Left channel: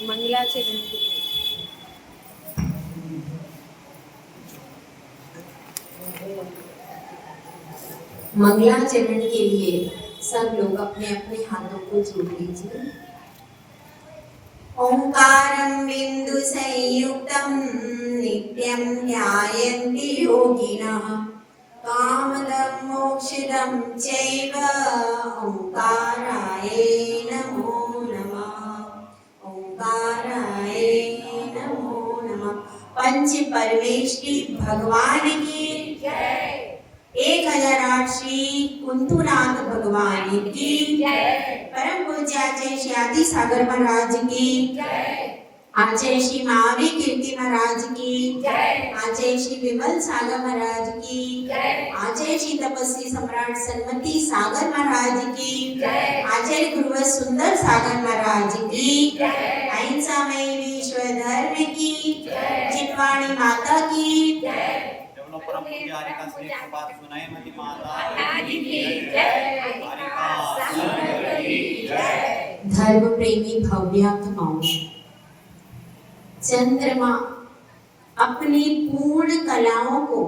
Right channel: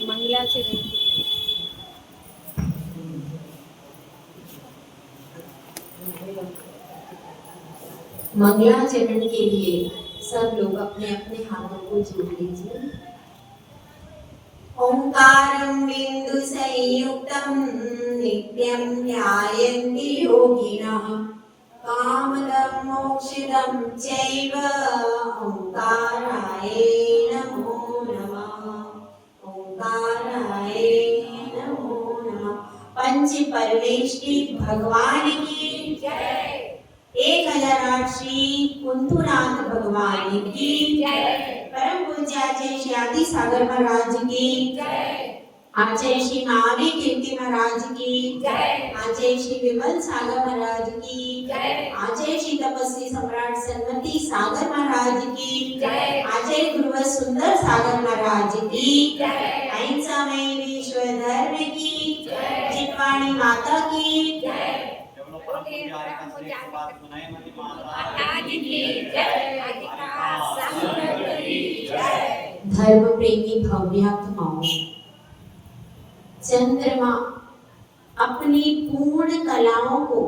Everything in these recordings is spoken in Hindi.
मंगलाचरण मंगलाचरण के लिए सब लोग अपने अपने हाथों को जोड़ लीजिए। ओंकारं बिंदु संयुक्तं नित्यं ध्यायन्ति योगिनः कामदं मोक्षदं चैव ओंकाराय नमो नमः। ओंकाराय नमो नमः। पंच परमेष्टि भगवान की जय। 1008 श्री कुंथुनाथ भगवान की जय। परम पूज्याचार्य श्री आदि सागर महाराज की जय। आचार्य श्री महावीर कीर्ति महाराज की जय। आचार्य श्री विमल सागर महाराज की जय। आचार्य श्री तपस्वी सम्राट सन्मति सागर महाराज की जय। आचार्य गुरुवर सुंदर सागर महाराज की जय। अहिंसामय विश्व धर्म की जय। चितवाणी माता की जय। धर्म प्रेमी भव्यात्माओं, चंद्रमा अपनी पूर्ण कलाओं को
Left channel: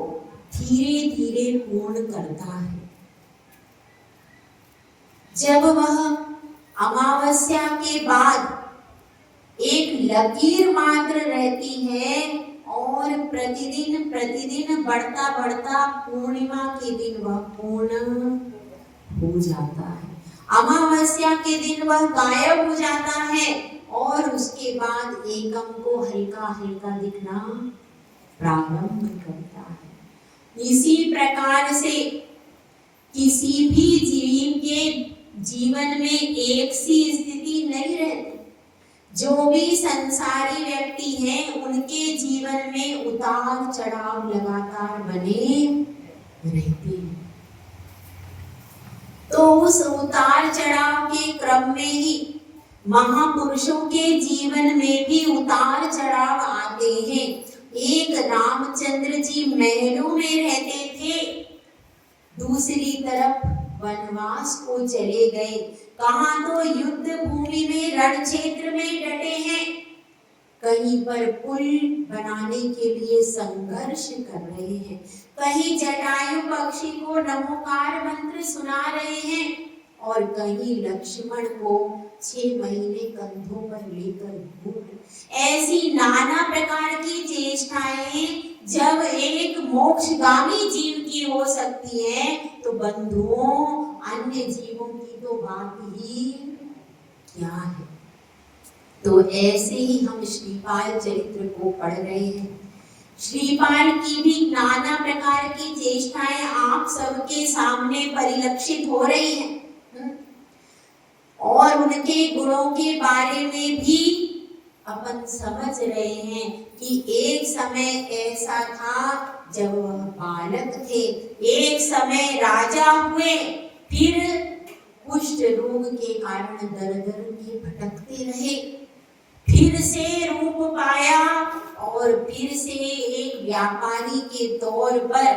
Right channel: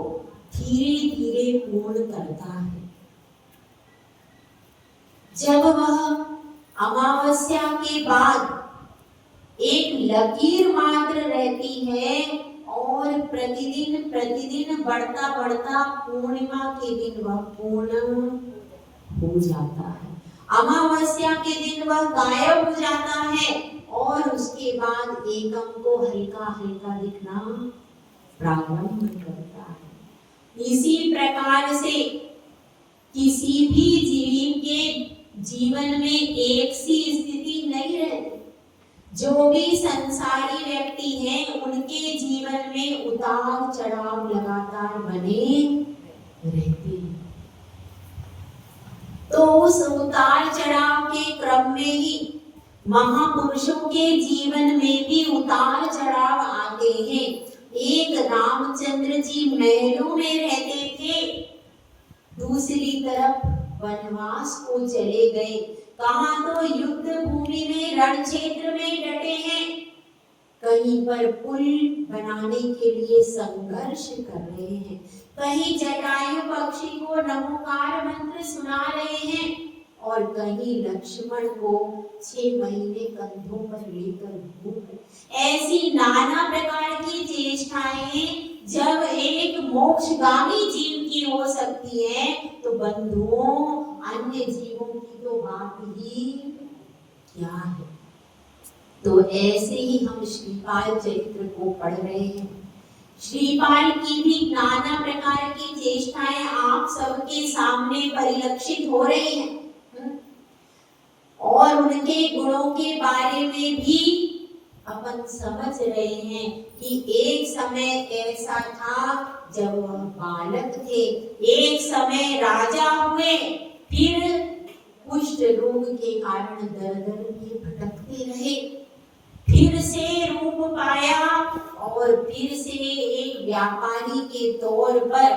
धीरे धीरे पूर्ण करता है। जब वह अमावस्या के बाद एक लकीर मात्र रहती है और प्रतिदिन प्रतिदिन बढ़ता बढ़ता पूर्णिमा के दिन वह पूर्ण हो जाता है। अमावस्या के दिन वह गायब हो जाता है और उसके बाद एकम को हल्का हल्का दिखना प्रारंभ करता है। इसी प्रकार से किसी भी जीव के जीवन में एक सी स्थिति नहीं रहती। जो भी संसारी व्यक्ति हैं उनके जीवन में उतार चढ़ाव लगातार बने रहते हैं। तो उस उतार चढ़ाव के क्रम में ही महापुरुषों के जीवन में भी उतार चढ़ाव आते हैं। एक रामचंद्र जी महलों में रहते थे, दूसरी तरफ वनवास को चले गए। कहाँ तो युद्ध भूमि में रण क्षेत्र में डटे हैं, कहीं पर पुल बनाने के लिए संघर्ष कर रहे हैं, कहीं जटायु पक्षी को नमोकार मंत्र सुना रहे हैं और कहीं लक्ष्मण को 6 महीने कंधों पर लेकर घूम। ऐसी नाना प्रकार की चेष्टाएं जब एक मोक्षगामी जीव की हो सकती है तो बंधुओं अन्य जीवों की तो बात ही क्या है। तो ऐसे ही हम श्रीपाल चरित्र को पढ़ रहे हैं। श्रीपाल की भी नाना प्रकार की चेष्टाएं आप सबके सामने परिलक्षित हो रही हैं और उनके गुणों के बारे में भी अपन समझ रहे हैं कि एक समय ऐसा था जब वह बालक थे, एक समय राजा हुए, फिर कुष्ठ रोग के कारण दर दर के भटकते रहे, फिर से रूप पाया और फिर से एक व्यापारी के तौर पर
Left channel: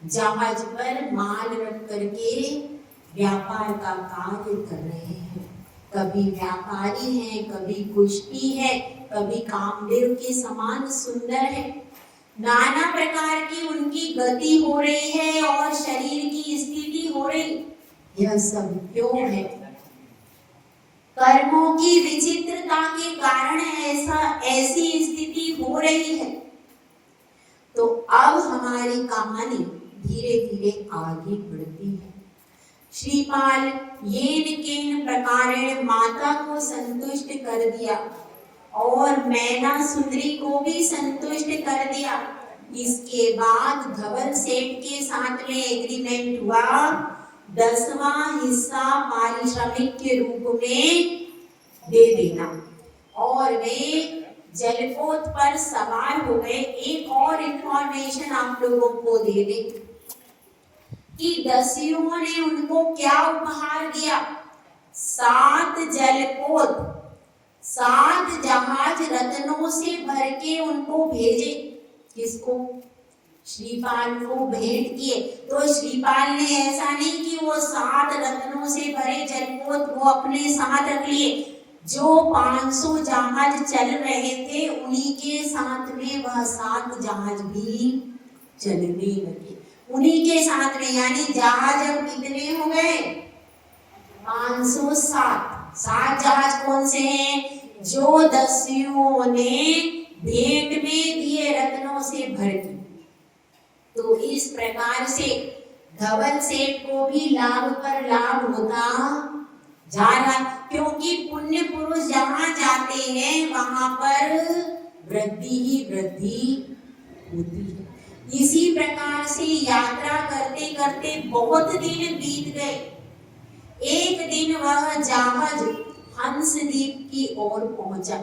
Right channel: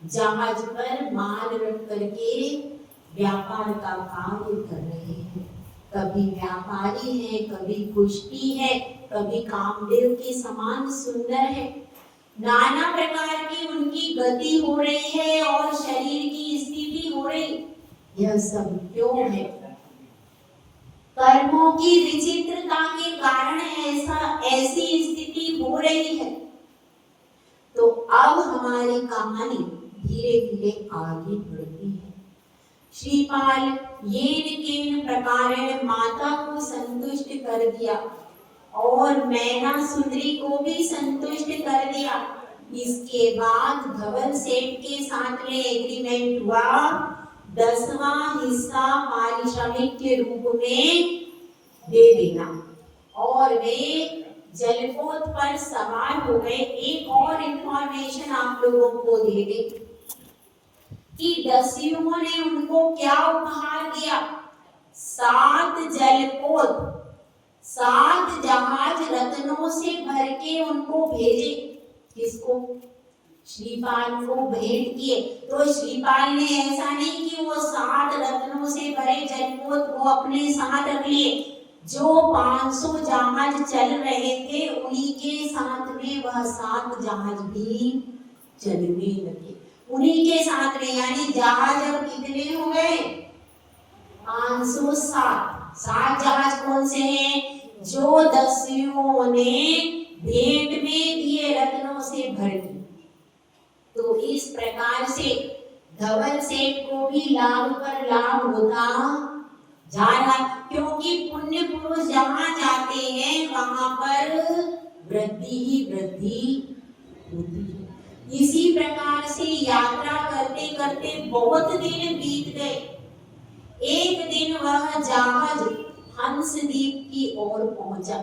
जहाज पर माल रख करके व्यापार का कार्य कर रहे हैं। कभी व्यापारी हैं, कभी कुश्ती है, कभी कामदेव के समान सुंदर है। नाना प्रकार की उनकी गति हो रही है और शरीर की स्थिति हो रही। यह सब क्यों है? कर्मों की विचित्रता के कारण ऐसी स्थिति हो रही है। तो अब हमारी कहानी धीरे धीरे आगे बढ़ती है। श्रीपाल येन केन प्रकारेण माता को संतुष्ट कर दिया और मैना सुंदरी को भी संतुष्ट कर दिया। इसके बाद धवल सेठ के साथ में एग्रीमेंट हुआ, 10वां हिस्सा पारिश्रमिक के रूप में दे देना और वे जलपोत पर सवार हो गए। एक और इंफॉर्मेशन आप लोगों को दे दें कि दस्युओं ने उनको क्या उपहार दिया? 7 जलपोत, 7 जहाज रत्नों से भर के उनको भेजे। किसको? श्रीपाल को भेंट किए। तो श्रीपाल ने ऐसा नहीं कि वो 7 रत्नों से भरे जलपोत वो अपने साथ रख लिए, जो 500 जहाज चल रहे थे उन्हीं के साथ में वह 7 जहाज भी चलने लगे। उन्हीं के साथ में, यानी जहाज अब कितने हो गए? 507। 7 जहाज कौन से हैं? जो दस्युओं ने भेंट में दिए रत्नों से भर दी। तो इस प्रकार से धवल सेठ को भी लाभ पर लाभ होता जा रहा, क्योंकि पुण्य पुरुष जहाँ जाते हैं वहां पर वृद्धि ही वृद्धि होती है। इसी प्रकार से यात्रा करते करते बहुत दिन बीत गए। एक दिन वह जहाज हंसद्वीप की ओर पहुंचा।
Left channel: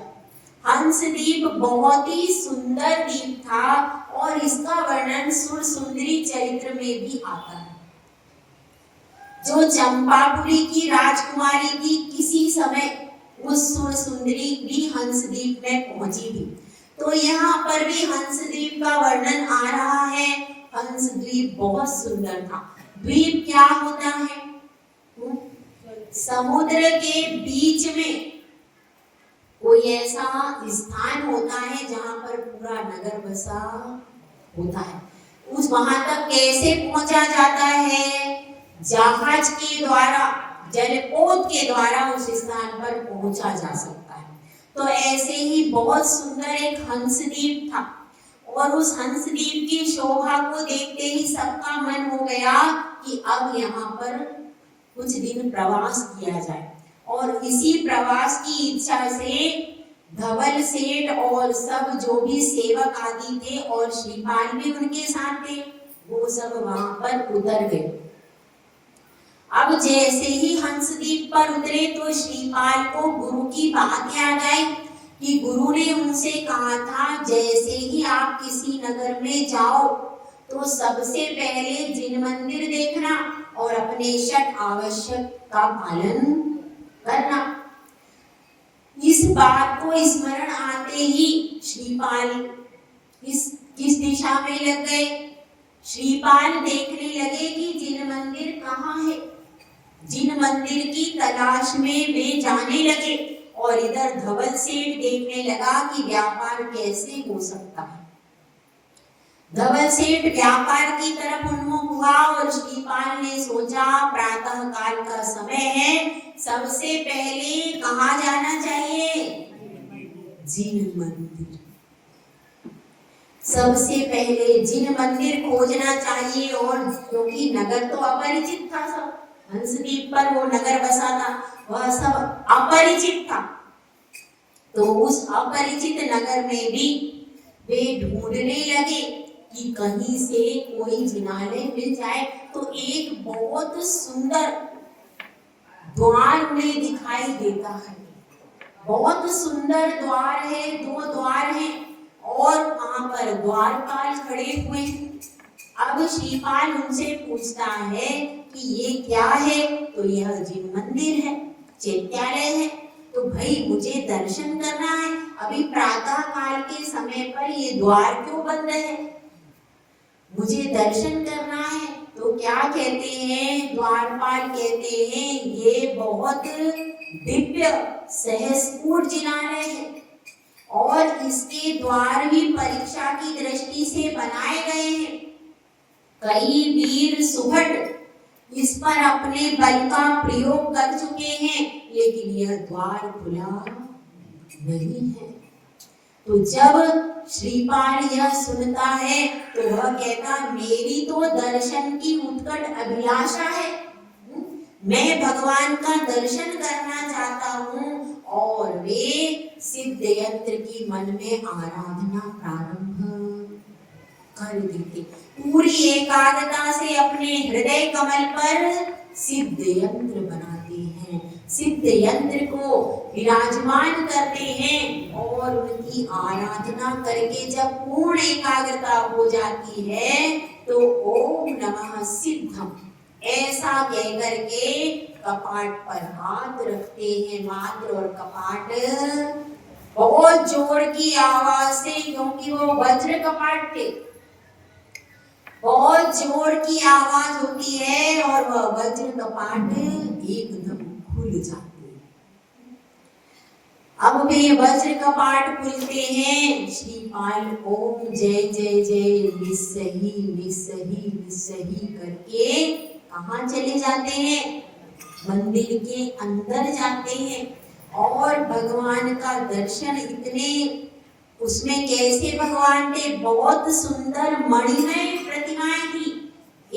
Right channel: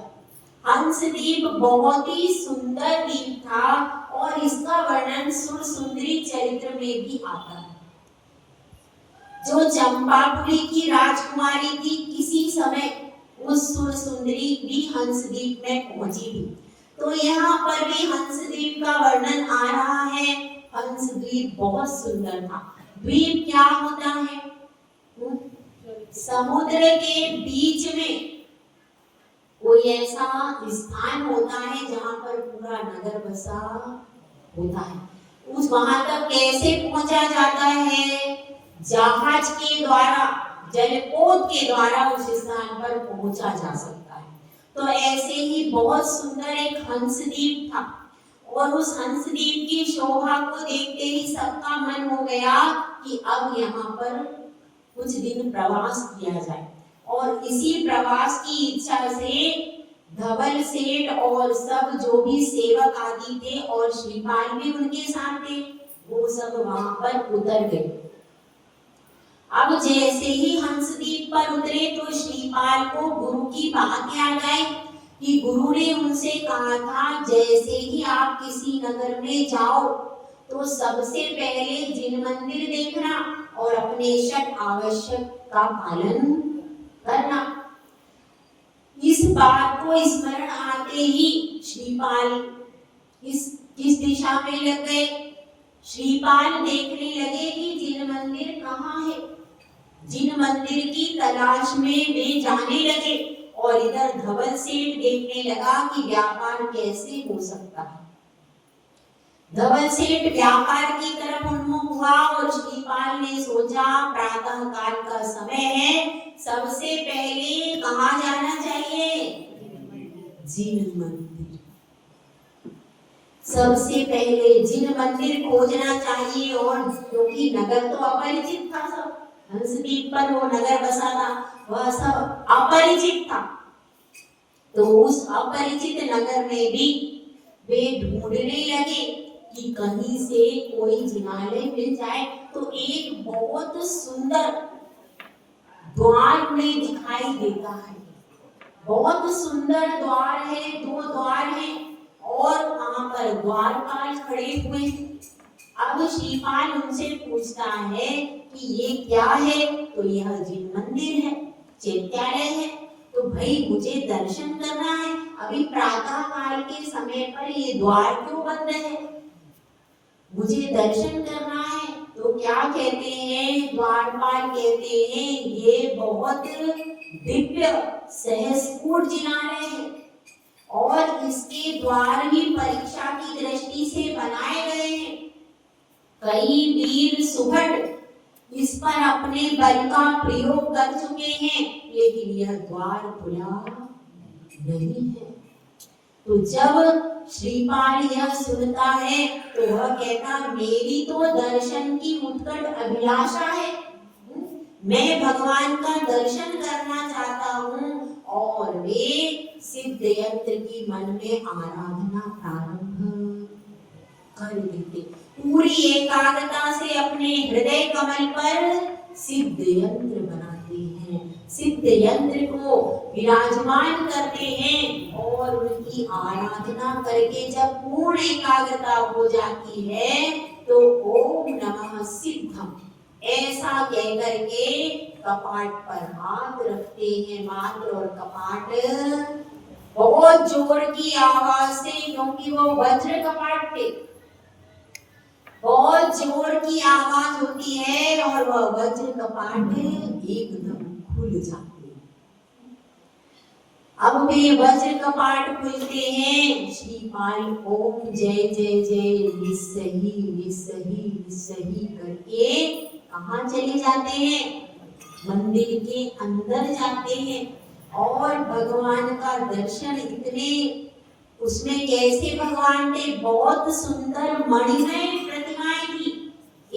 हंसद्वीप बहुत ही सुंदर द्वीप था और इसका वर्णन सुरसुंदरी चरित्र में भी आता है। जो चंपापुरी की राजकुमारी थी, किसी समय उस सुरसुंदरी भी हंसद्वीप में पहुंची थी। तो यहाँ पर भी हंसद्वीप का वर्णन आ रहा है। हंसद्वीप बहुत सुंदर था। द्वीप क्या होता है? समुद्र के बीच में कोई ऐसा स्थान होता है जहां पर पूरा नगर बसा होता है। उस वहां तक कैसे पहुंचा जाता है? जहाज के द्वारा, जलपोत के द्वारा उस स्थान पर पहुंचा जा सकता है। तो ऐसे ही बहुत सुंदर एक हंसद्वीप था और उस हंसद्वीप की शोभा को देखते ही सबका मन हो गया कि अब यहाँ पर कुछ दिन प्रवास किया जाए। और इसी प्रवास की इच्छा से धवल सेठ और सब जो भी सेवक आदि थे और श्रीपाल भी उनके साथ थे, वो सब वहां पर उतर गए। अब जैसे ही हंसद्वीप पर उतरे तो श्रीपाल को गुरु की बात याद आई कि गुरु ने उनसे कहा था, जैसे ही आप किसी नगर में जाओ तो सबसे पहले जिन मंदिर देखना और अपने षट आवश्यक का पालन करना। इस बात को स्मरण आते ही श्रीपाल किस दिशा में लग गए? श्रीपाल देखने लगे कि जिन मंदिर कहाँ है। जिन मंदिर की तलाश में वे जाने लगे और इधर धवल सेठ देखने लगा कि व्यापार कैसे हो सकता है। धवल सेठ व्यापार की तरफ उन्मुख हुआ और श्रीपाल ने सोचा प्रातः काल का समय है, सबसे पहले कहाँ जाना चाहिए? जिन मंदिर। सबसे पहले जिन मंदिर खोजना चाहिए। और क्योंकि नगर तो अपरिचित था, सब हंसद्वीप पर वो नगर बसा था, वह सब अपरिचित था। तो उस अपरिचित नगर में भी वे ढूंढने लगे कि कहीं से कोई जिनालय मिल जाए। तो एक बहुत सुंदर द्वार उन्हें दिखाई देता है। बहुत सुंदर द्वार है, 2 द्वार हैं और वहां पर द्वारपाल खड़े हुए हैं। अब श्रीपाल उनसे पूछता है कि ये क्या है? तो यह जिन मंदिर है, चैत्यालय है। तो भाई मुझे दर्शन करना है, अभी प्रातः काल के समय पर ये द्वार क्यों बंद है? मुझे दर्शन करना है। तो क्या कहते हैं द्वारपाल? कहते हैं ये बहुत दिव्य सहस्पूर्ण जिनालय है और इसके द्वार भी परीक्षा की दृष्टि से बनाए गए हैं। कई वीर सुभट इस पर अपने बल का प्रयोग कर चुके हैं, लेकिन यह द्वार खुला नहीं है। तो जब श्रीपाल यह सुनता है तो वह कहता, मेरी तो दर्शन की उत्कट अभिलाषा है, मैं भगवान का दर्शन करना चाहता हूँ। और वे सिद्ध यंत्र की मन में आराधना प्रारंभ कर देते। पूरी एकाग्रता से अपने हृदय कमल पर सिद्ध यंत्र बनाते हैं, सिद्ध यंत्र को विराजमान करते हैं और उनकी आराधना करके जब पूर्ण एकाग्रता हो जाती है तो ओम नमः सिद्धम ऐसा कह करके कपाट पर हाथ रखते हैं मात्र। और कपाट बहुत जोर की आवाज से, क्योंकि वो वज्र कपाट थे, बहुत जोर की आवाज होती है और वह वज्र कपाट एकदम खुल जाते हैं। अब वे वज्र कपाट खुलते हैं। श्रीपाल ओम जय जय जय निस्सही निस्सही निस्सही करके कहाँ चले जाते हैं? मंदिर के अंदर जाते हैं। और भगवान का दर्शन इतने, उसमें कैसे भगवान थे, बहुत सुंदर मणिमय प्रतिमाएं थी,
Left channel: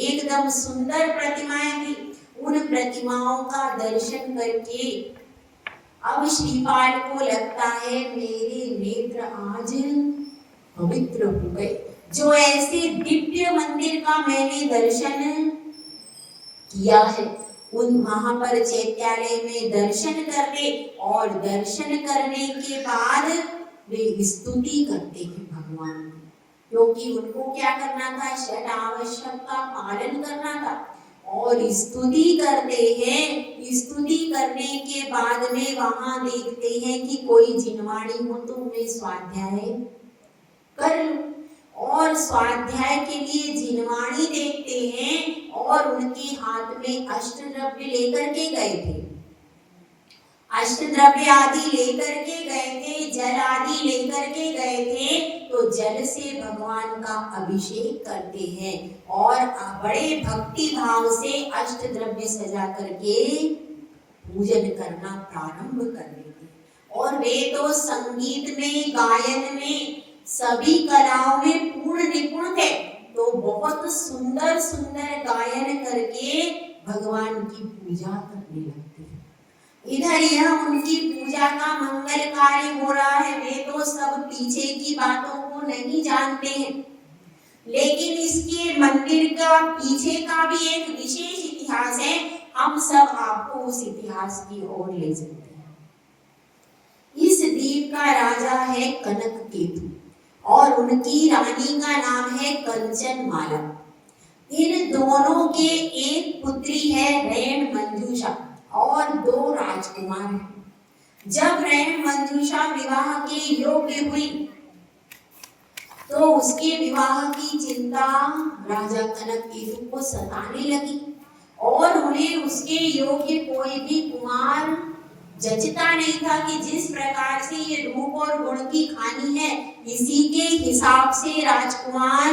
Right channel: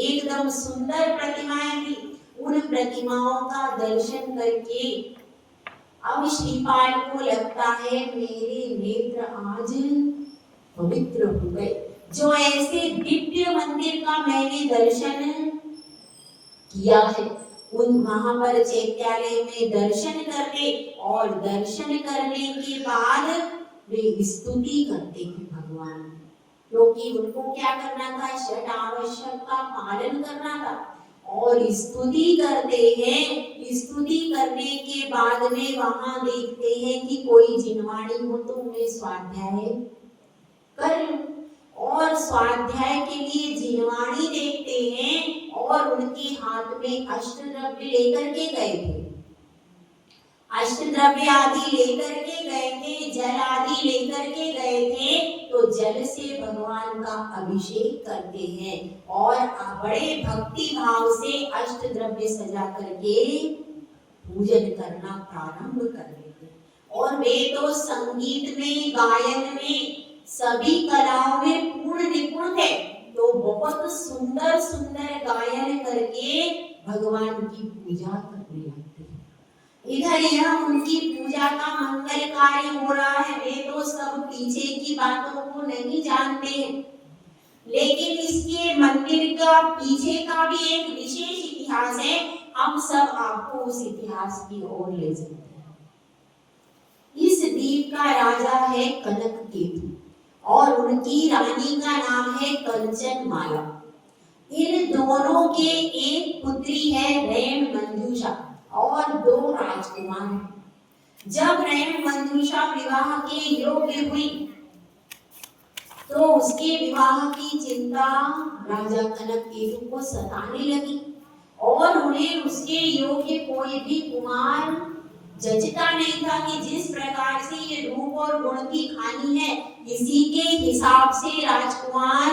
एकदम सुंदर प्रतिमाएं थी। उन प्रतिमाओं का दर्शन करके अब श्रीपाल को लगता है मेरे नेत्र आज पवित्र हो गए। जो ऐसे दिव्य मंदिर का मैंने दर्शन किया है, उन वहां पर चैत्यालय में दर्शन करते और दर्शन करने के बाद वे स्तुति करते हैं भगवान, क्योंकि उनको क्या करना था, षट आवश्यक का पालन करना था। और स्तुति करते हैं। स्तुति करने के बाद में वहां देखते हैं कि कोई जिनवाणी हो तो उन्हें स्वाध्याय कर लूं। और स्वाध्याय के लिए जिनवाणी देखते हैं और उनके हाथ में अष्टद्रव्य लेकर के गए थे, अष्टद्रव्य आदि लेकर के गए थे, जल आदि लेकर के गए थे। तो जल से भगवान का अभिषेक करते हैं और बड़े भक्ति भाव से अष्टद्रव्य सजा करके पूजन करना प्रारंभ कर देते हैं। और वे तो संगीत में, गायन में, सभी कलाओं में पूर्ण निपुण थे। तो बहुत सुंदर सुंदर गायन करके भगवान की पूजा करने लगते हैं। इधर यह उनकी पूजा का मंगल कार्य हो रहा है। वे तो सब पीछे की बातों को नहीं जानते हैं, लेकिन इसके मंदिर का पीछे का भी एक विशेष इतिहास है। हम सब आपको उस इतिहास की ओर ले चलते हैं। इस द्वीप का राजा है कनककेतु और उनकी रानी का नाम है कंचनमाला। इन दोनों के एक पुत्री है रैन मंजूषा और 2 राजकुमार हैं। जब रैन मंजूषा विवाह के योग्य हुई तो उसके विवाह की चिंता राजा कनककेतु को सताने लगी और उन्हें उसके योग्य कोई भी कुमार जचता नहीं था कि जिस प्रकार से ये रूप और गुण की खानी है, इसी के हिसाब से राजकुमार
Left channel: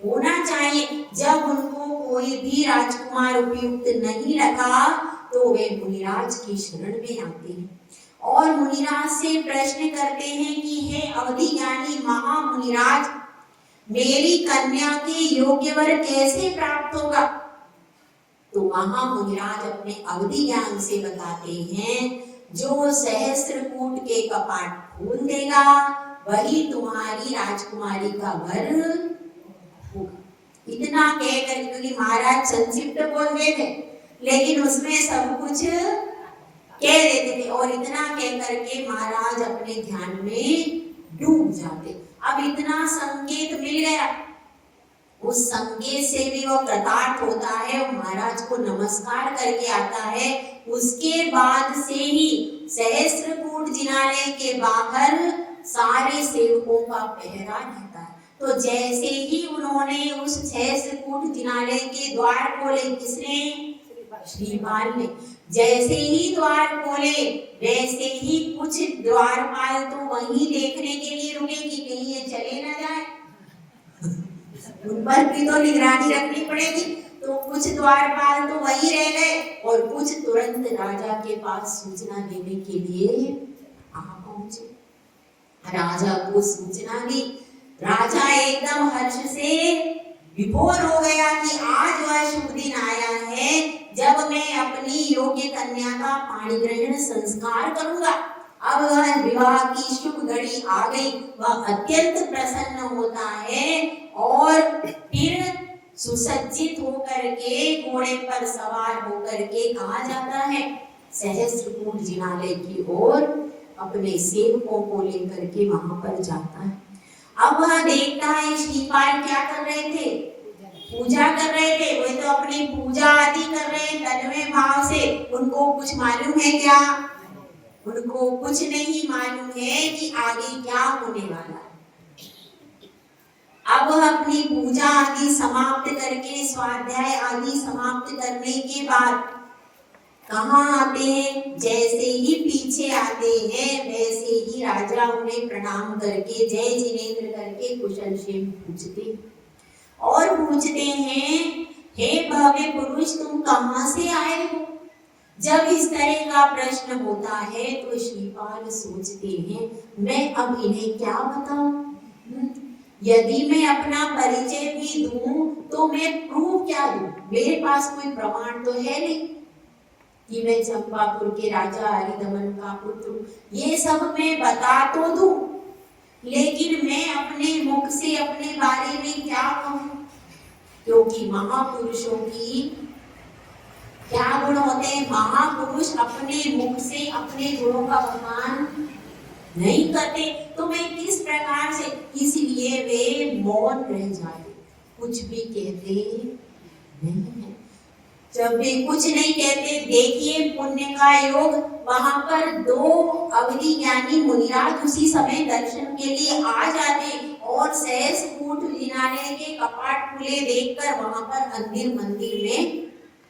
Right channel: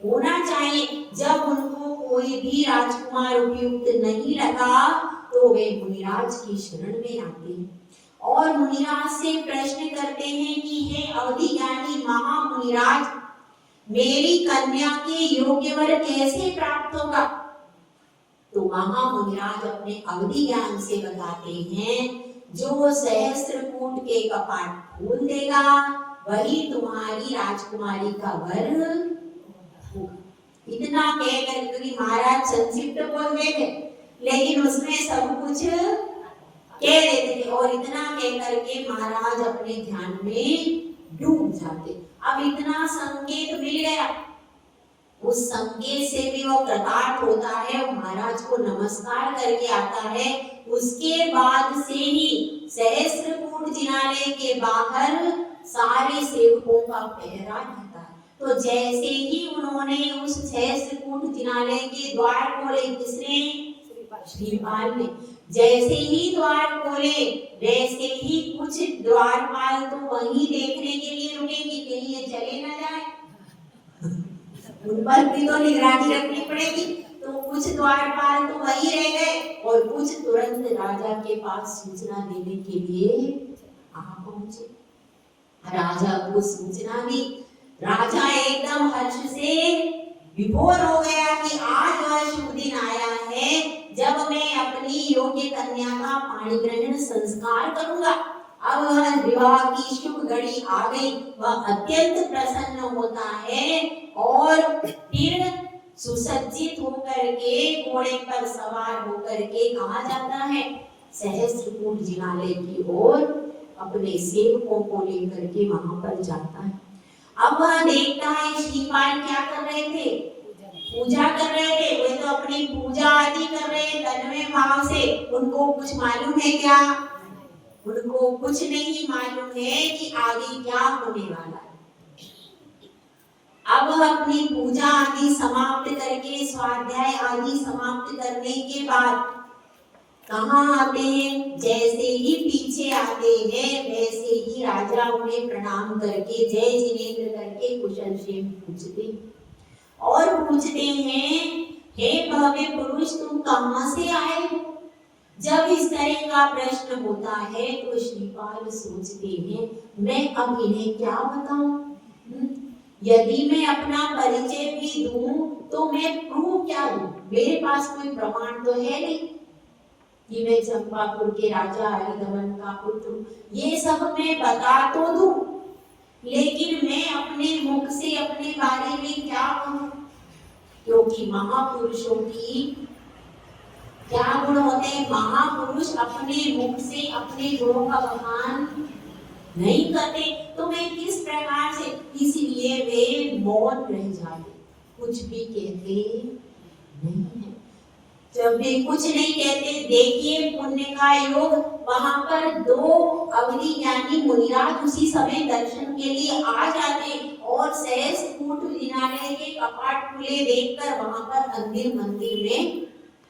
होना चाहिए। जब उनको कोई भी राजकुमार उपयुक्त नहीं लगा तो वे मुनिराज की शरण में आते हैं और मुनिराज से प्रश्न करते हैं कि हे अवधि ज्ञानी महामुनिराज, मेरी कन्या के योग्य वर कैसे प्राप्त होगा? तो महामुनिराज अपने अवधि ज्ञान से बताते हैं, जो सहस्त्रकूट के कपाट खोल देगा वही तुम्हारी राजकुमारी का वर होगा। इतना कहकर, क्योंकि महाराज संक्षिप्त बोल रहे थे लेकिन उसमें सब कुछ कह देते थे, और इतना कह करके महाराज अपने ध्यान में डूब जाते। अब इतना संकेत मिल गया, उस संकेत से भी वो कृतार्थ होता है, महाराज को नमस्कार करके आता है। उसके बाद से ही सहस्त्रकूट जिनालय के बाहर सारे सेवकों का पहरा रहता है। तो जैसे ही उन्होंने उस सहस्त्रकूट जिनालय के द्वार खोले, किसने? श्रीपाल ने। जैसे ही द्वार खोले वैसे ही कुछ द्वारपाल तो वहीं देखने के लिए रुके कि कहीं ये चले ना जाए, उन पर भी तो निगरानी रखनी पड़ेगी। तो कुछ द्वारपाल तो वहीं रह गए और कुछ तुरंत राजा के पास सूचना देने के लिए आ पहुंचे। राजा को सूचना दी। राजा एकदम हर्ष से विभोर हो गया कि आज वह शुभ दिन आया है जब मैं अपनी योग्य कन्या का पाणी ग्रहण संस्कार करूंगा। अब वह विवाह की शुभ घड़ी आ गई। वह अत्यंत प्रसन्न होता है और फिर सुसज्जित होकर के घोड़े पर सवार होकर के कहाँ जाता है? सहस्त्रकूट जिनालय की ओर अपने सेवकों को लेकर के वहां पर जाता है। अब वह देखता है श्रीपाल क्या कर रहे थे? पूजा कर रहे थे। वे तो अपनी पूजा आदि कर रहे हैं तन्मय भाव से। उनको कुछ मालूम है क्या? उनको कुछ नहीं मालूम है कि आगे क्या होने वाला है। अब अपनी पूजा आदि समाप्त करके, स्वाध्याय आदि समाप्त करने के बाद कहाँ आते हैं? जैसे ही पीछे आते आते हैं वैसे ही राजा उन्हें प्रणाम करके जय जिनेंद्र करके कुशल क्षेम पूछते और पूछते हैं, हे भव्य पुरुष तुम कहाँ से आए हो। जब इस तरह का प्रश्न होता है तो श्रीपाल सोचते हैं मैं अब इन्हें क्या बताऊं। यदि मैं अपना परिचय भी दूं तो मैं प्रूव क्या दूं, मेरे पास कोई प्रमाण तो है नहीं कि मैं चंपापुर के राजा हरिदमन का पुत्र, ये सब मैं बता तो दूं लेकिन मैं अपने मुख से अपने बारे में क्या कहूं, क्योंकि महापुरुषों की क्या गुण होते हैं, महापुरुष अपने मुख से अपने गुणों का बखान नहीं करते, तो मैं किस प्रकार से, इसलिए वे मौन रह जाते, कुछ भी कहते नहीं है। जब वे कुछ नहीं कहते, देखिए पुण्य का योग, वहां पर दो अवधि यानी मुनिराज उसी समय दर्शन के लिए आ जाते और सहस कूट जिनालय के कपाट खुले देखकर वहां पर मंदिर में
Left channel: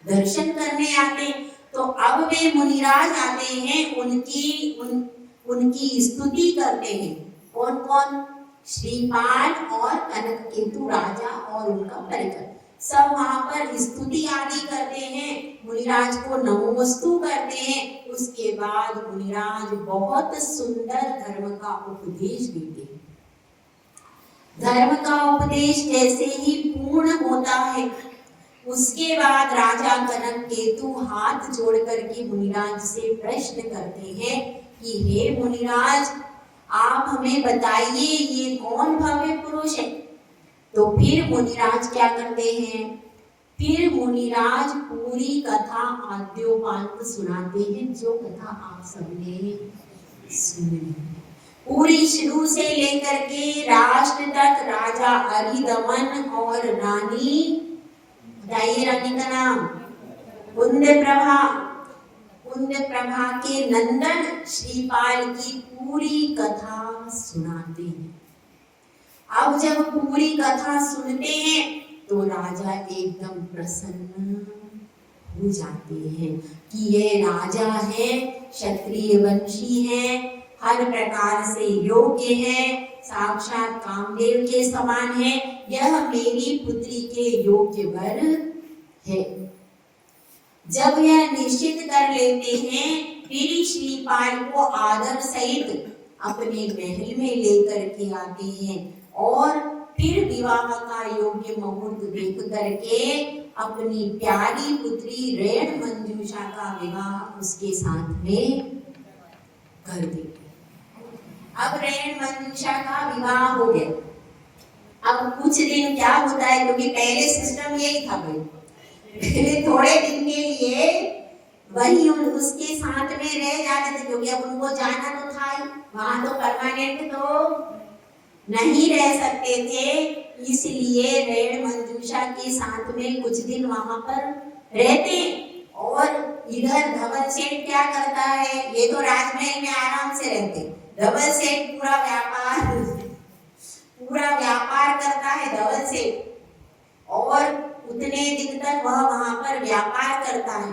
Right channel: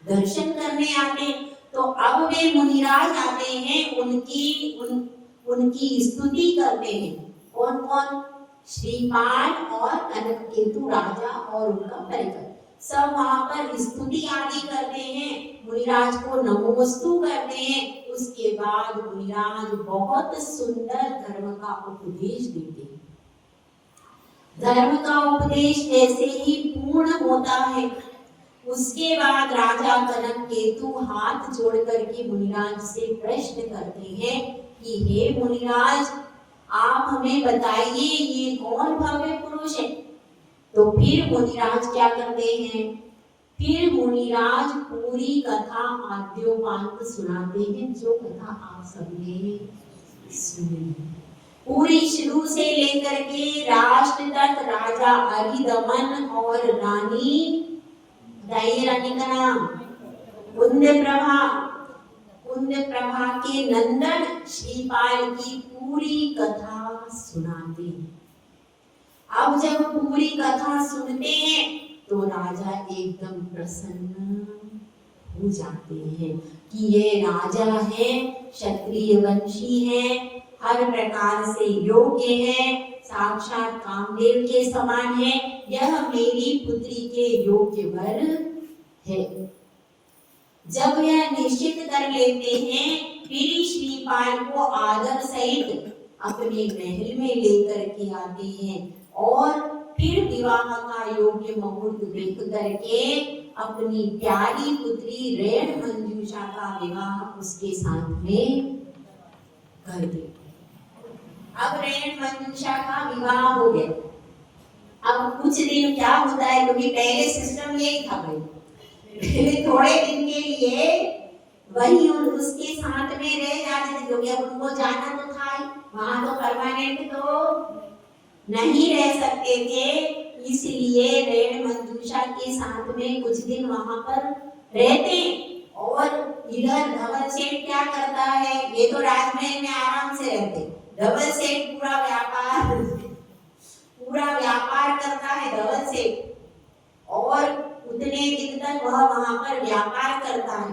दर्शन करने आते। तो अब वे मुनिराज आते हैं, उनकी स्तुति करते हैं। कौन कौन? श्रीपाल और कनककेतु राजा और उनका परिकर सब वहां पर स्तुति आदि करते हैं, मुनिराज को नमोस्तु करते हैं। उसके बाद मुनिराज बहुत सुंदर धर्म का उपदेश देते हैं। धर्म का उपदेश जैसे ही पूर्ण होता है उसके बाद राजा कनककेतु हाथ जोड़ करके मुनिराज से प्रश्न करते हैं कि हे मुनिराज आप हमें बताइए ये कौन भव्य पुरुष है। तो फिर मुनिराज क्या करते हैं, फिर मुनिराज पूरी कथा आद्योपांत सुनाते हैं, जो कथा आप सबने सुनी पूरी शुरू से लेकर के राष्ट्र तक, राजा हरिदमन और रानी, रानी का नाम कुंदप्रभा के नंदन श्रीपाल की पूरी कथा सुनाते हैं। अब जब पूरी कथा सुनते हैं तो राजा एकदम प्रसन्न हो जाते हैं कि ये राजा है, क्षत्रिय वंशी है, हर प्रकार से योग्य है, साक्षात कामदेव के समान है, यह मेरी पुत्री के योग्य वर है। जब यह निश्चित कर लेते हैं फिर श्रीपाल को आदर सहित अपने महल में लेकर के आते हैं और फिर विवाह का योग्य मुहूर्त देख करके अपनी प्यारी पुत्री रेण मंजूषा का विवाह उसके साथ में कर देते। अब रेण मंजूषा का विवाह हो गया। अब कुछ दिन क्या होता है, क्योंकि पहले सिस्टम यही था भाई, पहले थोड़े दिन के लिए वही उसके साथ में रह जाते थे, क्योंकि अब उनको जाना तो था ही, वहां तो परमानेंट तो नहीं रह सकते थे, इसलिए रेण मंजूषा के साथ में कुछ दिन वहां पर रहते। और इधर धवल सेठ क्या करता है, ये तो राजमहल में आराम से रहते, धवल सेठ पूरा व्यापार करता है धवल सेठ, और उतने दिन तक वह वहां पर व्यापार करता है।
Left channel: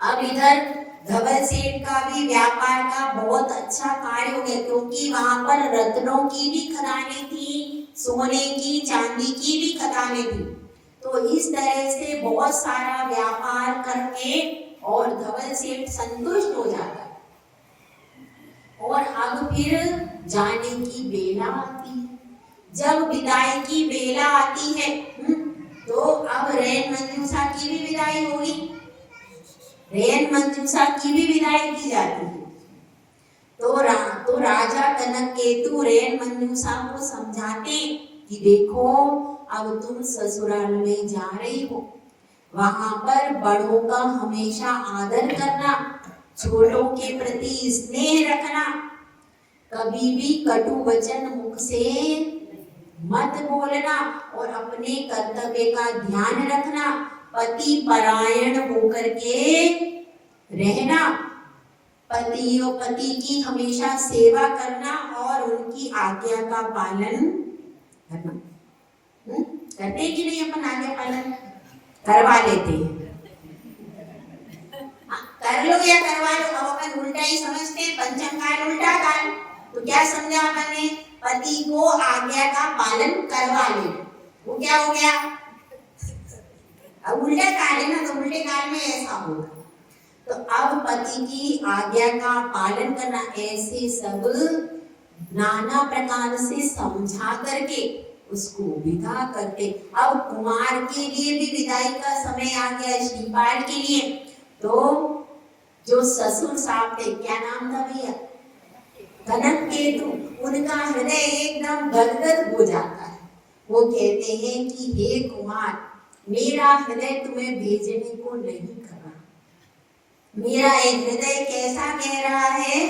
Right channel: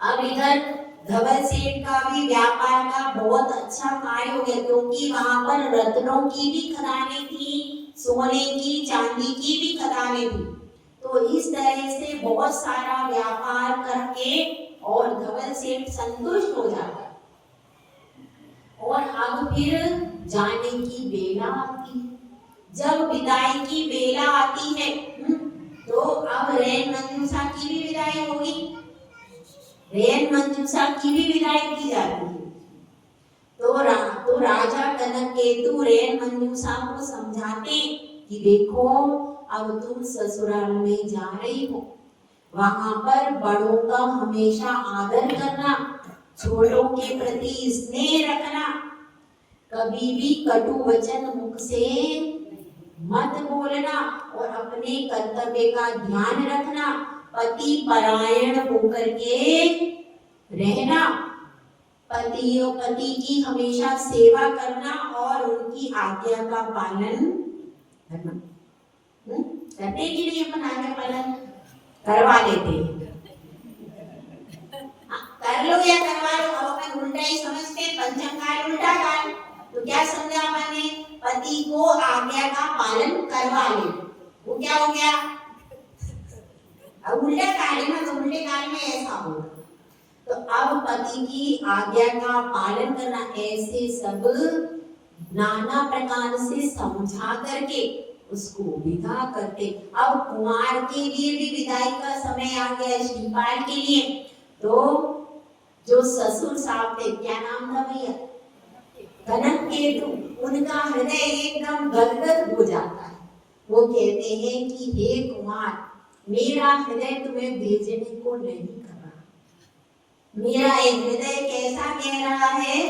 अब इधर धवल सेठ का भी व्यापार का बहुत अच्छा कार्य हो गया, क्योंकि वहां पर रत्नों की भी खदानें थी, सोने की चांदी की भी खदानें थी। तो इस तरह से बहुत सारा व्यापार करके और धवल सेठ संतुष्ट हो जाता है। और अब फिर जाने की बेला आती है। जब विदाई की बेला आती है तो अब रेण मंजूषा की भी विदाई होगी, रेण मंजूषा की भी विदाई की जाती है। तो राजा कनककेतु रेण मंजूषा को समझाते कि देखो अब तुम ससुराल में जा रही हो, वहां पर बड़ों का हमेशा आदर करना, छोटों के प्रति स्नेह रखना, कभी भी कटु वचन मुख से मत बोलना और अपने कर्तव्य का ध्यान रखना, पति परायण होकर के रहना, पति की हमेशा सेवा करना और उनकी आज्ञा का पालन करना। करते कि नहीं अपन आज्ञा पालन करवा लेते हैं, कर लो या करवा लो, अब अपन उल्टा ही समझते पालन करवा लेना। वो क्या हो गया? अब उल्टा कार्य ना, तो उल्टे कार्य में ऐसा होगा। तो अब पति की आज्ञा का पालन करना, ऐसे सब नाना प्रकार से समझा करके उसको विदा करते। अब कुमार के लिए भी विदाई का समय आ गया, श्रीपाल के लिए। तो जो ससुर साहब थे, क्या नाम था भैया? कनक केतु। उनका हृदय एकदम गदगद हो जाता है। वो कहते हैं कि हे कुमार, मेरा हृदय तुम्हें भेजने को नहीं कर रहा। मेरा एक हृदय कैसा कह रहा है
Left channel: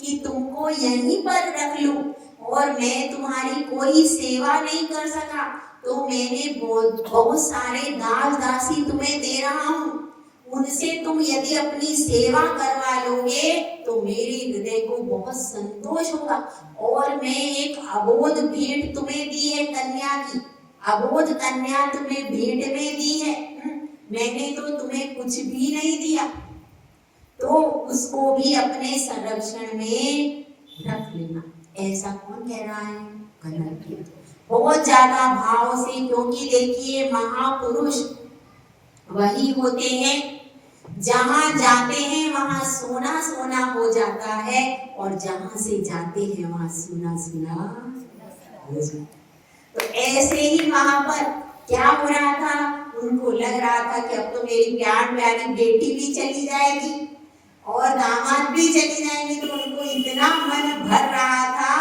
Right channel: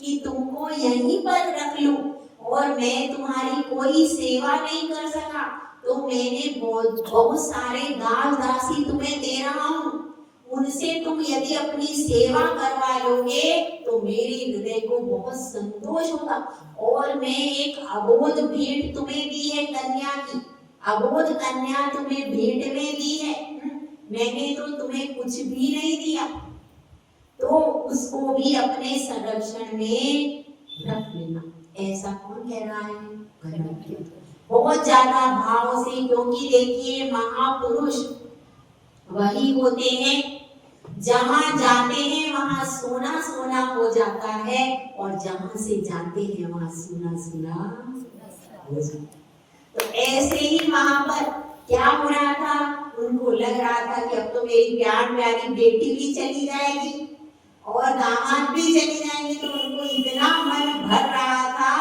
कि तुमको यहीं पर रख लूं, और मैं तुम्हारी कोई सेवा नहीं कर सका, तो मैंने बहुत सारे दास दासी तुम्हें दे रहा हूं, उनसे तुम यदि अपनी सेवा करवा लोगे तो मेरे हृदय को बहुत संतोष होगा। और मैं एक अबोध भेंट तुम्हें दी है, कन्या की अबोध कन्या तुम्हें भेंट में दी है। मैंने तो तुम्हें कुछ भी नहीं दिया, तो उसको भी अपने संरक्षण में रख लेना। ऐसा कौन कह रहा है? कनक। बहुत ज्यादा भाव से, क्योंकि देखिए महापुरुष वही होते हैं जहां जाते हैं वहां सोना सोना हो जाता है, और जहां से जाते हैं वहां सोना सोना हो जाता है। तो ऐसे ही वहां पर क्या हो रहा था? उनको लग रहा था कि अब तो मेरी प्यार प्यारी बेटी भी चली जाएगी और दामाद भी चले जाएंगे, तो उनको इतना मन भर रहा था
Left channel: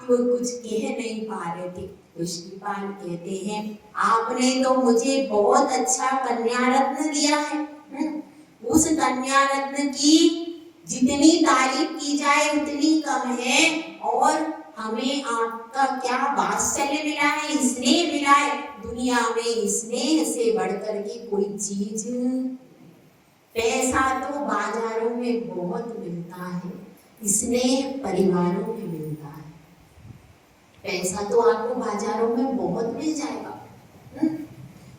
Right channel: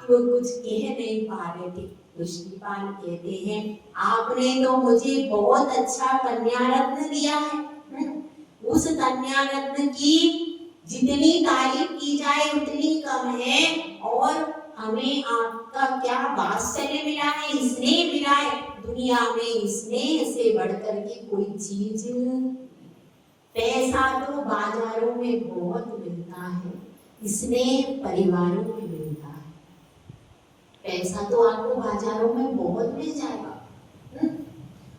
कि वो कुछ कह नहीं पा रहे थे। तो श्रीपाल कहते हैं, आपने तो मुझे बहुत अच्छा कन्या रत्न दिया है। उस कन्या रत्न की जितनी तारीफ की जाए उतनी कम है, और हमें आपका क्या वात्सल्य मिला है, स्नेह मिला है। दुनिया में स्नेह से बढ़कर की कोई चीज, पैसा तो बाजारों में बहुत मिलता है, स्नेह परिवारों में मिलता है। पैसा तो आपको बाजारों में बहुत मिल जाएगा,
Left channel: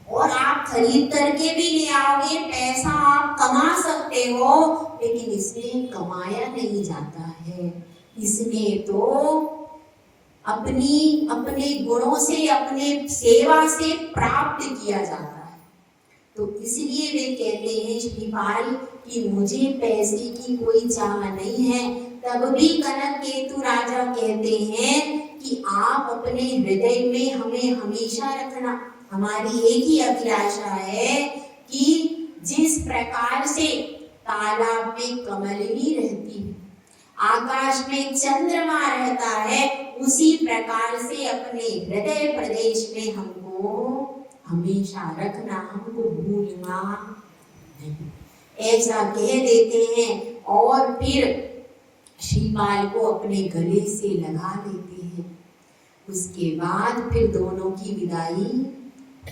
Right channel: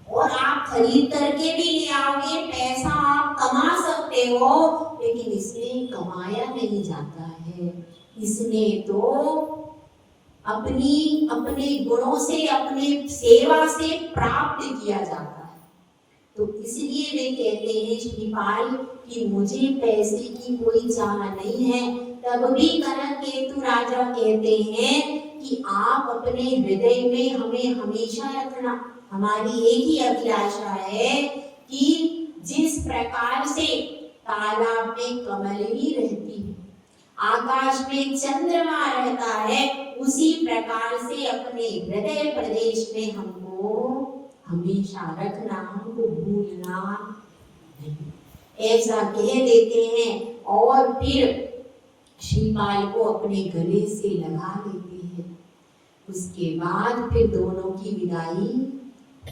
और आप खरीद करके भी ले आओगे, पैसा आप कमा सकते हो, लेकिन इसमें कमाया नहीं जाता है। इसमें तो अपने गुणों से, अपने सेवा से प्राप्त किया जाता है। तो इसलिए वे कहते हैं श्रीपाल कि मुझे पैसे की कोई चाह नहीं है। तब भी कनक केतु राजा कहते हैं कि आप अपने हृदय में हमें हमेशा रखना। हमारी एक ही अभिलाषा है कि जिस प्रकार से तालाब में कमलनी रहती है, आकाश में चंद्रमा रहता है, उसी प्रकार से अपने हृदय प्रदेश में हमको हमेशा रखना, हमको भूलना नहीं, ऐसा कह देते हैं। और फिर श्रीपाल को अपने गले से लगा लेते हैं। उसके बाद फिर दोनों की विदाई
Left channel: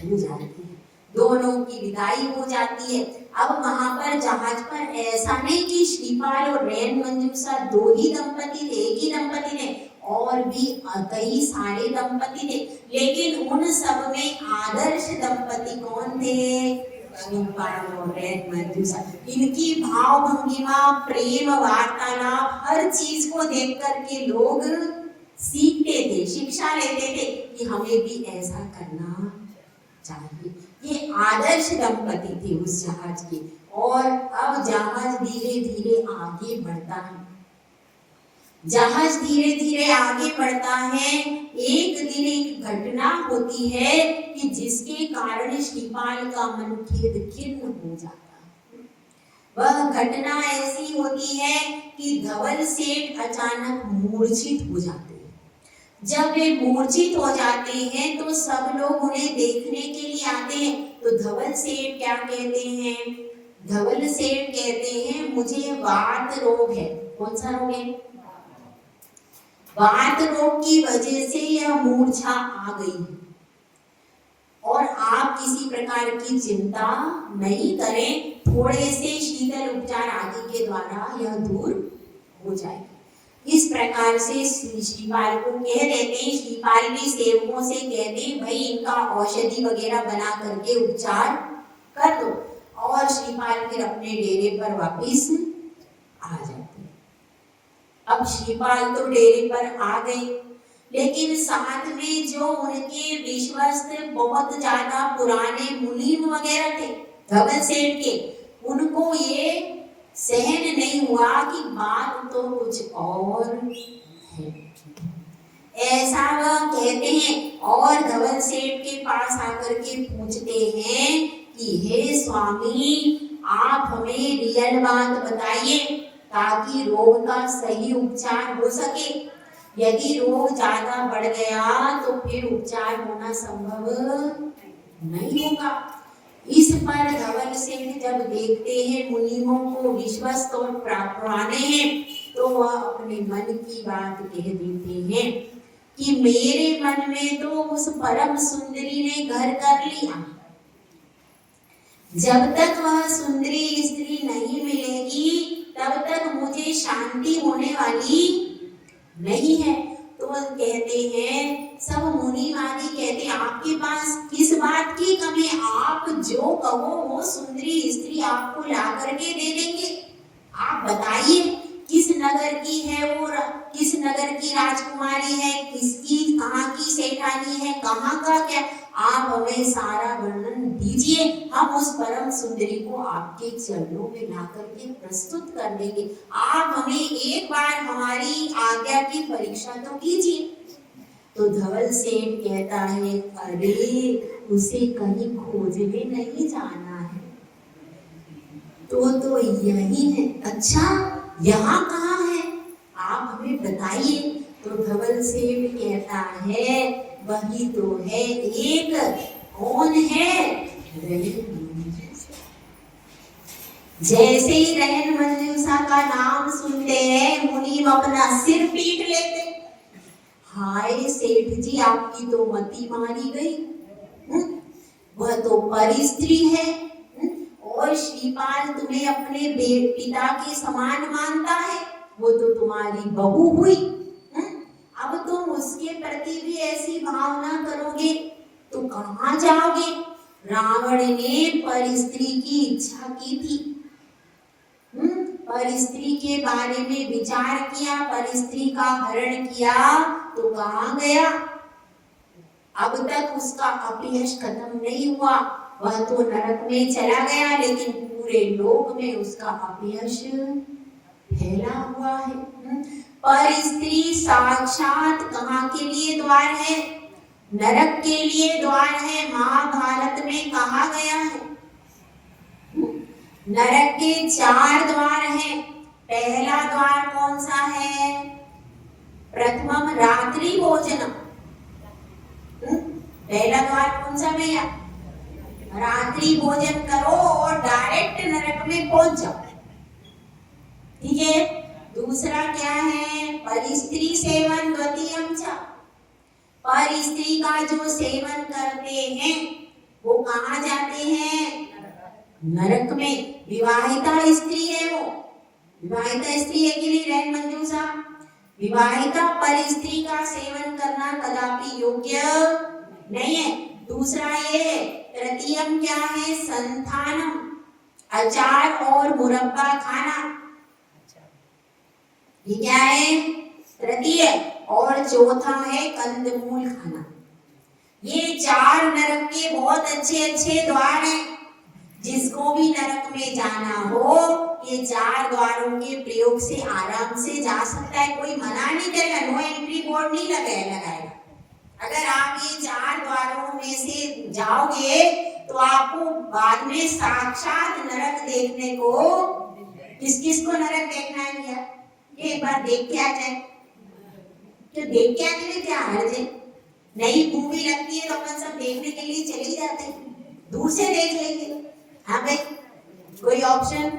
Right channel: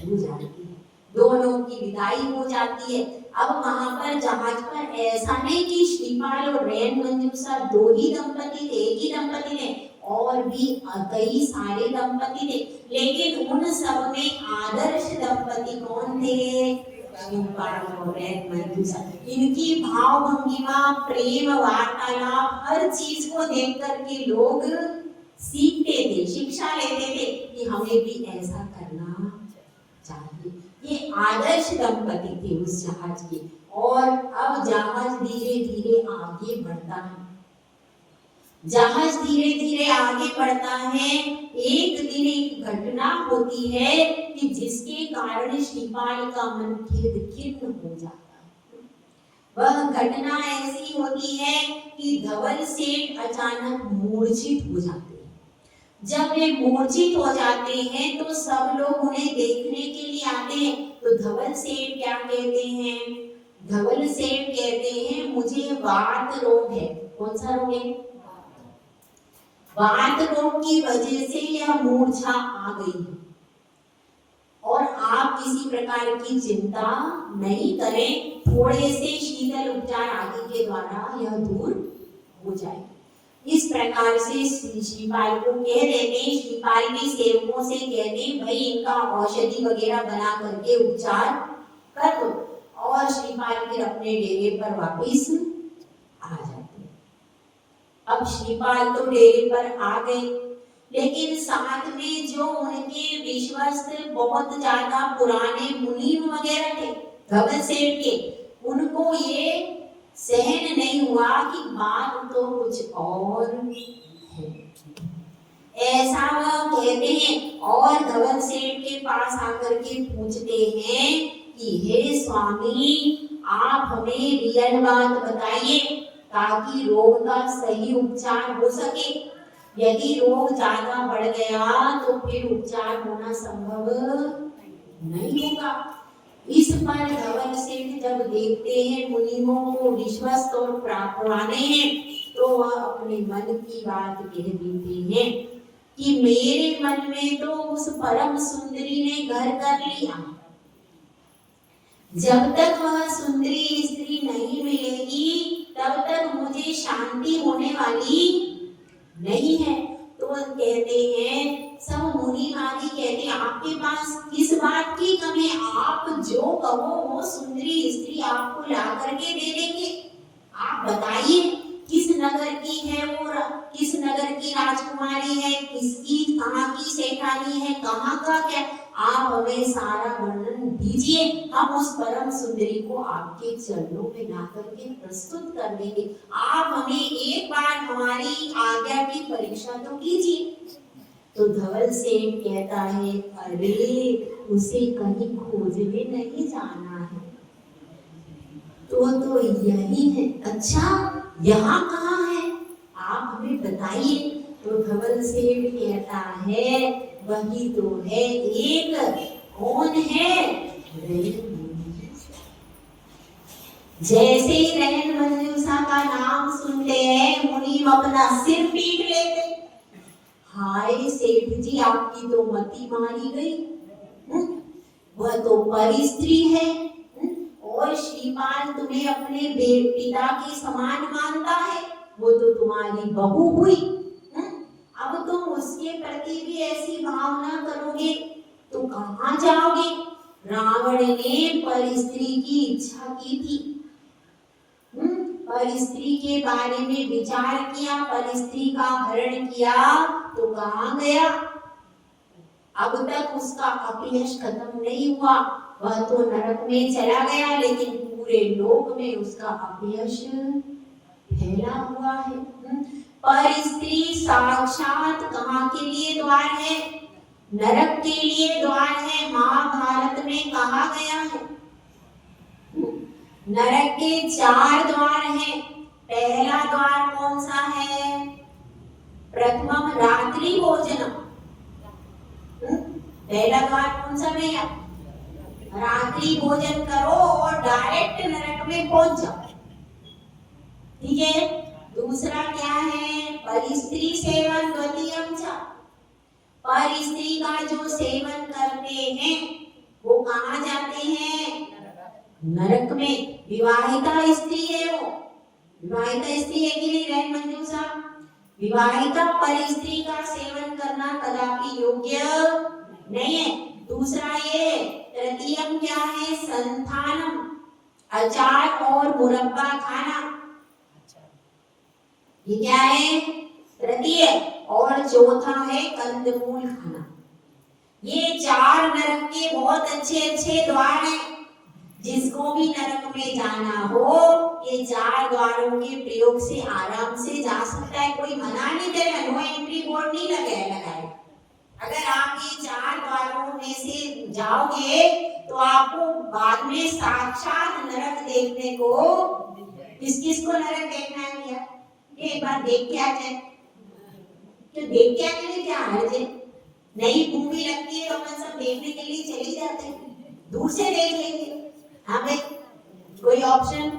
हो जाती है। दोनों की विदाई हो जाती है। अब वहां पर जहाज पर ऐसा नहीं कि श्रीपाल और रैन मंजूषा दो ही दंपति थे, एक ही दंपति थे, और भी कई सारे दंपति थे, लेकिन उन सब में आदर्श दंपति कौन थे? श्रीपाल और रैन मंजूषा। इनकी भाव भंगिमा, प्रेम, वार्तालाप, हर चीज को देख करके लोग सीखते थे, शिक्षा लेते थे कि हमें भी ऐसा करना चाहिए। ये आदर्श दंपति थे उस जहाज के। और अब जहाज धीरे धीरे आगे बढ़ता है। जहाज धीरे धीरे आगे बढ़ता है। एक दिन एक घटना होती है कि जिसके कारण श्रीपाल का मन खिन्न हो जाता है। वह घटना ऐसी होती है कि धवल सेठ अचानक मूर्छित हो जाते हैं। जब वे मूर्छित हो जाते हैं तो सब लोग उन्हें देखने के लिए आते हैं। तो धवल सेठ क्या कहते हैं? धवल सेठ कहते हैं, मुझे वात रोग है। कौन सा रोग है? वात रोग की वजह से यह मूर्छा आ गई, और आप किसी प्रकार की चिंता नहीं करें, थोड़े से शीतल उपचार आदि के द्वारा यह दूर हो जाएगी। इस प्रकार से श्रीपाल को कह देते हैं। श्रीपाल भी सेवकों से कहते हैं, भाई इनका औषधि वगैरह बना करके उपचार कर दो, और श्रीपाल फिर अपने डेरे पर वापिस आ जाते हैं। अब श्रीपाल तो डेरे पर आ गए, लेकिन साथ में जो उनके विश्वस्त बहुत ज्यादा पुराने मुनि वगैरह थे धवल सेठ के, उनको ये सहन नहीं हुआ कि बात तो कुछ और है। ऐसा वह कहते हैं और धवल सेठ के पास आकर के पूछते हैं कि हे स्वामी, आप हमें रियल बात बताइए ताकि रोग का सही उपचार हो सके। यदि रोग ज्यादा बढ़ गया तो फिर उपचार होना संभव नहीं होगा। इस पर धवल सेठ जब देखते हैं मुनियों को विश्वस्त और पुराने हैं, तो वह अपने मन की बात कह देते हैं कि मेरे मन में तो उस परम सुंदरी ने घर कर लिया। जब तक वह सुंदरी स्त्री नहीं मिलेगी तब तक मुझे शांति होने वाली नहीं है। तो वह कहते हैं, सब मुनि आदि कहते हैं, आपके पास किस बात की कमी है? आप जो कहो वो सुंदरी स्त्री आपको ला करके दे देंगे। आप बताइए किस नगर की है वो, किस नगर की राजकुमारी है, किसकी कहाँ की सेठानी है, कहाँ का क्या, आप हमें सारा वर्णन दीजिए। हम उस परम सुंदरी को आपके चरणों में ला करके प्रस्तुत कर देंगे। आप हमें एक बार हमारी आज्ञा की परीक्षा तो कीजिए। तो धवल सेठ कहता है, अरे उसे कहीं खोजने नहीं जाना है, तो यही है। अच्छा, यहाँ कहाँ है, आप हमें बताइए। तो धवल सेठ कहता है, वही तो है एक, कौन है? जैसे ही रहन मंजूषा का नाम सुनते हैं मुनि अपना सिर पीट लेते। हाय सेठ जी, आपकी तो मति मारी गई। वह तो परी स्त्री है और श्रीपाल तुम्हें अपने पिता के समान मानता है, वो तो तुम्हारी बहू हुई। अब तुम उसके प्रति भी ऐसी भावना करोगे तो कहाँ जाओगे? रावण ने पर स्त्री की इच्छा की थी, पर स्त्री के बारे में विचार किया, पर स्त्री का हरण किया तो कहाँ गया? अब तक उसका अपयश खत्म नहीं हुआ, वह तो नरक में चला गया, लेकिन पूरे लोक में उसका अपयश फैला हुआ है। पर स्त्री साक्षात कहाँ के लिए द्वार है? नरक के लिए द्वार है। महाभारत में कहा गया है नरक के 4 द्वार हैं। पहला द्वार कौन सा है? प्रथमम रात्रि भोजनम। पहला द्वार कौन सा भैया? रात्रि भोजन करो और डायरेक्ट नरक में पहुंच जाओ। ठीक है। दूसरा क्या है? परिस्त्री सेवन द्वितीयम च। परिस्त्री का जो सेवन करते हैं वो कहाँ जाते हैं? नरक में। विवाहिता स्त्री है वो, विवाहिता स्त्री है कि नहीं रहन मंजूषा? विवाहिता पर स्त्री का सेवन करना कदापि योग्य नहीं है। दूसरा ये तृतीयम क्या है? संथानम, अचार और मुरब्बा खाना, ये क्या है? तृतीय। और चौथा है कंदमूल खाना। ये 4 नरक के बहुत अच्छे अच्छे द्वार हैं। जिसको भी नरक में जाना हो ये 4 द्वारों के प्रयोग से आराम से जा सकता है। कोई मना नहीं करेगा, नो एंट्री बोर्ड नहीं लगाएगा। अगर आप ये 4 द्वारों में से जाओगे तो आपको बाद में साक्षात नरक देखने को, किस किस को नरक देखना है भैया? ये एक बार देख के आ जाए। तो देख के आने में क्या हर्ज है? नई मूवी लगती है तो अपन सब देखने के लिए चले जाते हैं, दूर से देख लेंगे। हाँ भाई, कोई ऑप्शन?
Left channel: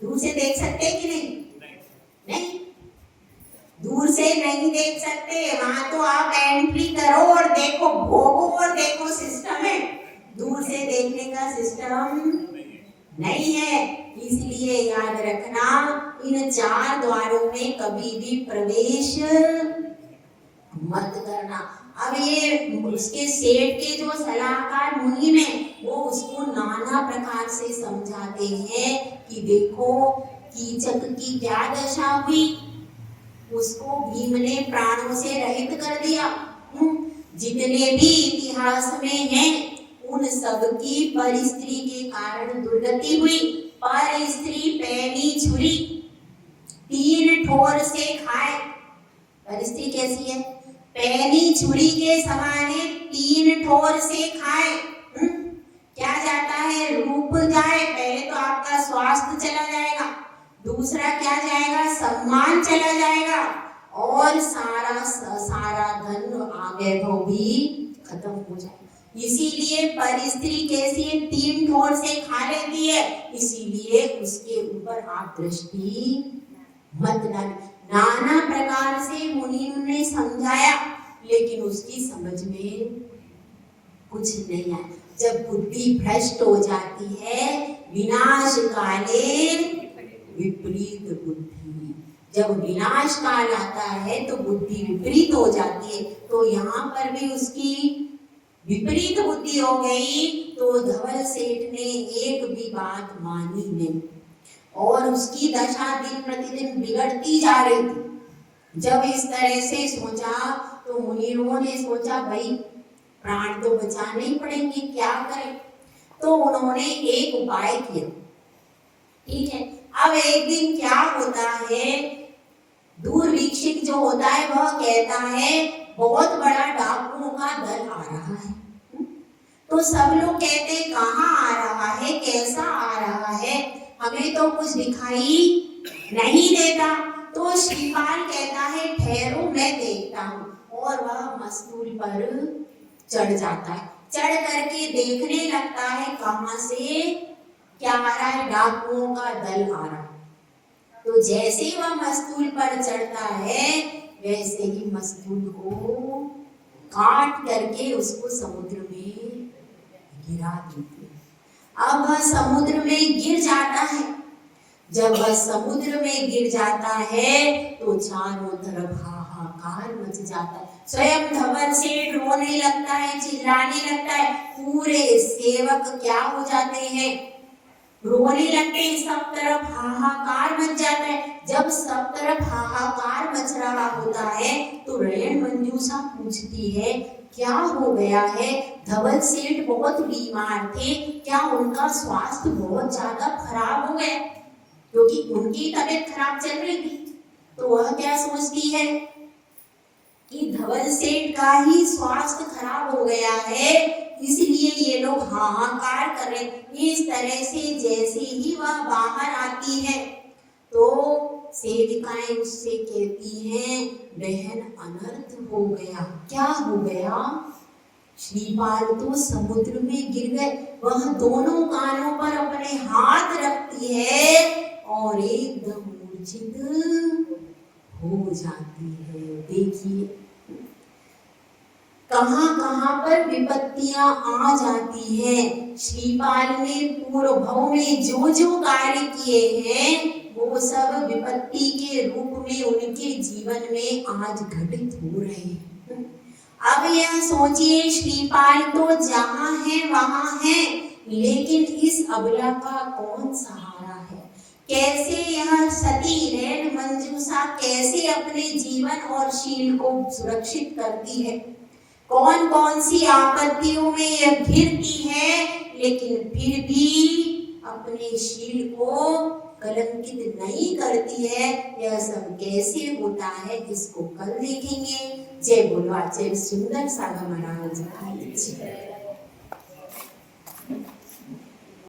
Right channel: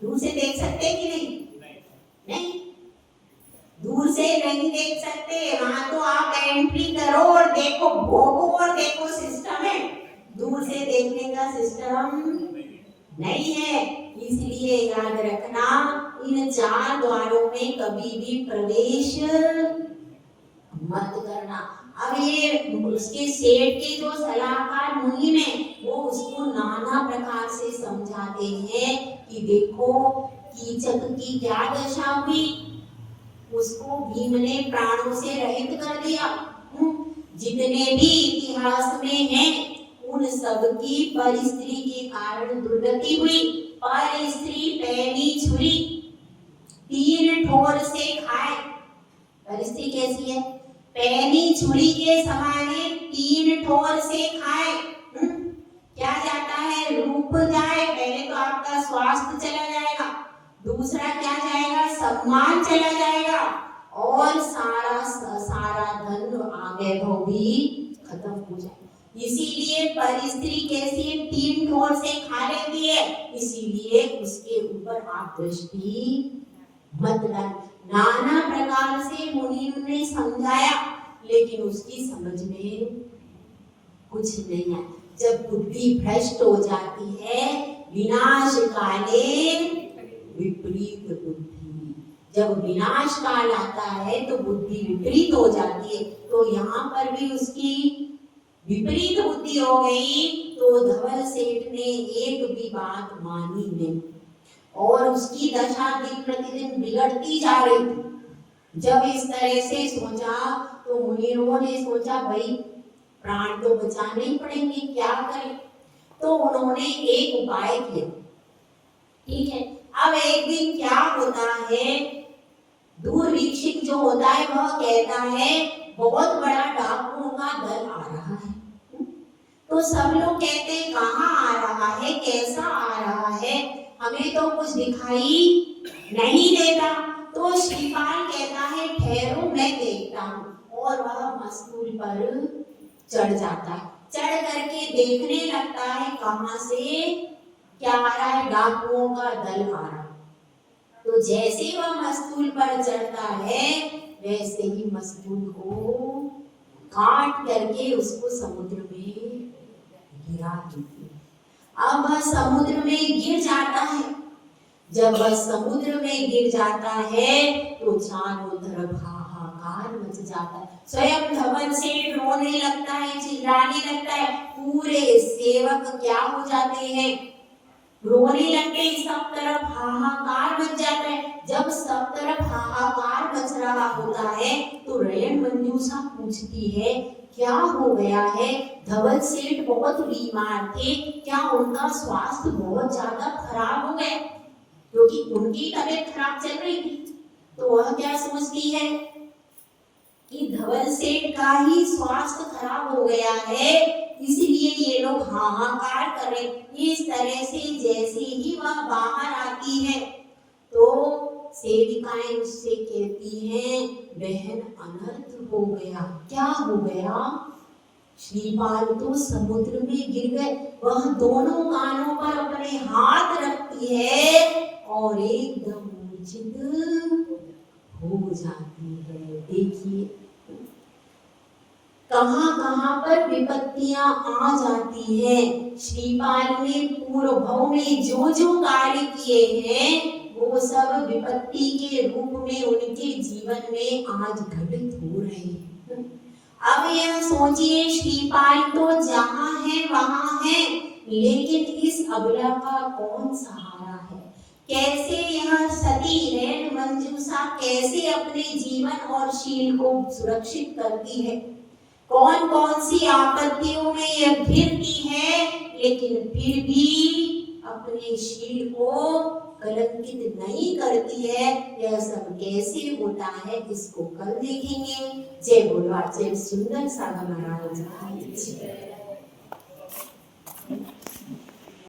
दूर से देख सकते हैं कि नहीं? दूर से नहीं देख सकते। वहां तो आप एंट्री करो और देखो, भोगो और देखो सिस्टम है। दूर से देखने का सिस्टम नहीं है। इसलिए याद रखना, इन 4 द्वारों में कभी भी प्रवेश मत करना। अब ये उसके सेठ के जो सलाहकार मुनि में वो उसको नाना प्रकार से समझाते हैं कि देखो कीचक की क्या दशा हुई, उसको भीम ने प्राणों से रहित कर दिया। जितने भी इतिहास में हैं उन सब की पर स्त्री के कारण दुर्गति हुई। पर स्त्री पैनी छुरी तीन ठोर से खाए। पर स्त्री कैसी है? पैनी छुरी के समान तीन ठोर से खाए। क्या जाता है? रूप जाए। पहले तो आपका स्वास्थ्य चला जाएगा, दूसरा क्या जाएगा? सम्मान चला जाएगा, और सारा धन आगे वो भी खत्म हो जाएगा। इसीलिए पर स्त्री कैसी है? तीन ठोर से खा लेती है, इसीलिए उसके ऊपर आप दृष्टि मत डालिए। नाना प्रकार से मुनि ने समझाया, लेकिन उसकी समझ में कुछ नहीं आया। जब बुद्धि भ्रष्ट हो जाती है, विनाश काले विपरीत बुद्धि, जब विनाश काल आता है तो बुद्धि विपरीत हो जाती है। तो यहाँ पर भी उसकी विपरीत बुद्धि हो गई, तो धवल सेठ ने एक भी बात मानी नहीं, और उसकी दशा दिन प्रतिदिन बिगड़ती जा रही थी। जब इस तरह से सोचा तो मुनियों ने सोचा, भाई प्राण तो बचाने ही पड़ेंगे, क्या करें? तो उन्होंने एक उपाय किया। ठीक है, अब एक दिन क्या होता है, दूरवीक्षिक जो होता है वह कहता है बहुत बड़ा डाकुओं का दल आ रहा है। तो सब लोग कहते हैं कहाँ आ रहा है, कैसा आ रहा है, हमें तो कुछ दिखाई नहीं देता। तो श्रीपाल कहता है ठहरो मैं देखता हूँ, और वह मस्तूल पर चढ़ जाता है। चढ़ करके देखने लगता है कहाँ से क्या आ रहा है, डाकुओं का दल आ रहा है। तो जैसे वह मस्तूल पर चढ़ता है, वैसे ही मस्तूल को काट करके उसको समुद्र में गिरा देते। अब वह समुद्र में गिर जाता है। जब वह समुद्र में गिर जाता है तो चारों तरफ हाहाकार मच जाता है। स्वयं धवल सेठ रोने लगता है, चिल्लाने लगता है। पूरे सेवक क्या हो जाते हैं, रोने लगते हैं। सब तरफ हाहाकार मच जाता है। जब सब तरफ हाहाकार मच रहा होता है तो रेण मंजूषा पूछती है क्या हो गया है? धवल सेठ बहुत बीमार थे, क्या उनका स्वास्थ्य बहुत ज्यादा खराब हो गया? क्योंकि उनकी तबीयत खराब चल रही थी। तो वह क्या सोचती है कि धवल सेठ का ही स्वास्थ्य खराब हो गया है, इसलिए ये लोग हाहाकार कर रहे। इस तरह से जैसे ही वह बाहर आती है तो सेविकाएं उससे कहती हैं बहन अनर्थ हो गया। क्या हो गया? श्रीपाल तो समुद्र में गिर गए। वह दोनों कानों पर अपने हाथ रखती है और एकदम मूर्छित हो जाती है। देखिए कहां पर विपत्तियां आ जाती हैं। श्रीपाल ने पूर्व भव में जो जो कार्य किए हैं वो सब विपत्ति के रूप में उनके जीवन में आज घटित हो रहे हैं। अब यह सोचिए श्रीपाल तो जहां है वहां है, लेकिन इस अबला का कौन सहारा है? कैसे यह सती रेण मंजूषा कैसे अपने जीवन और शील को सुरक्षित करती है? कौन कौन सी आपत्तियों में यह घिरती है, लेकिन फिर भी अपने शील को कलंकित नहीं करती है। यह सब कैसे होता है इसको कल देखेंगे। जय बोलो जय सुंदर सागर महाराज।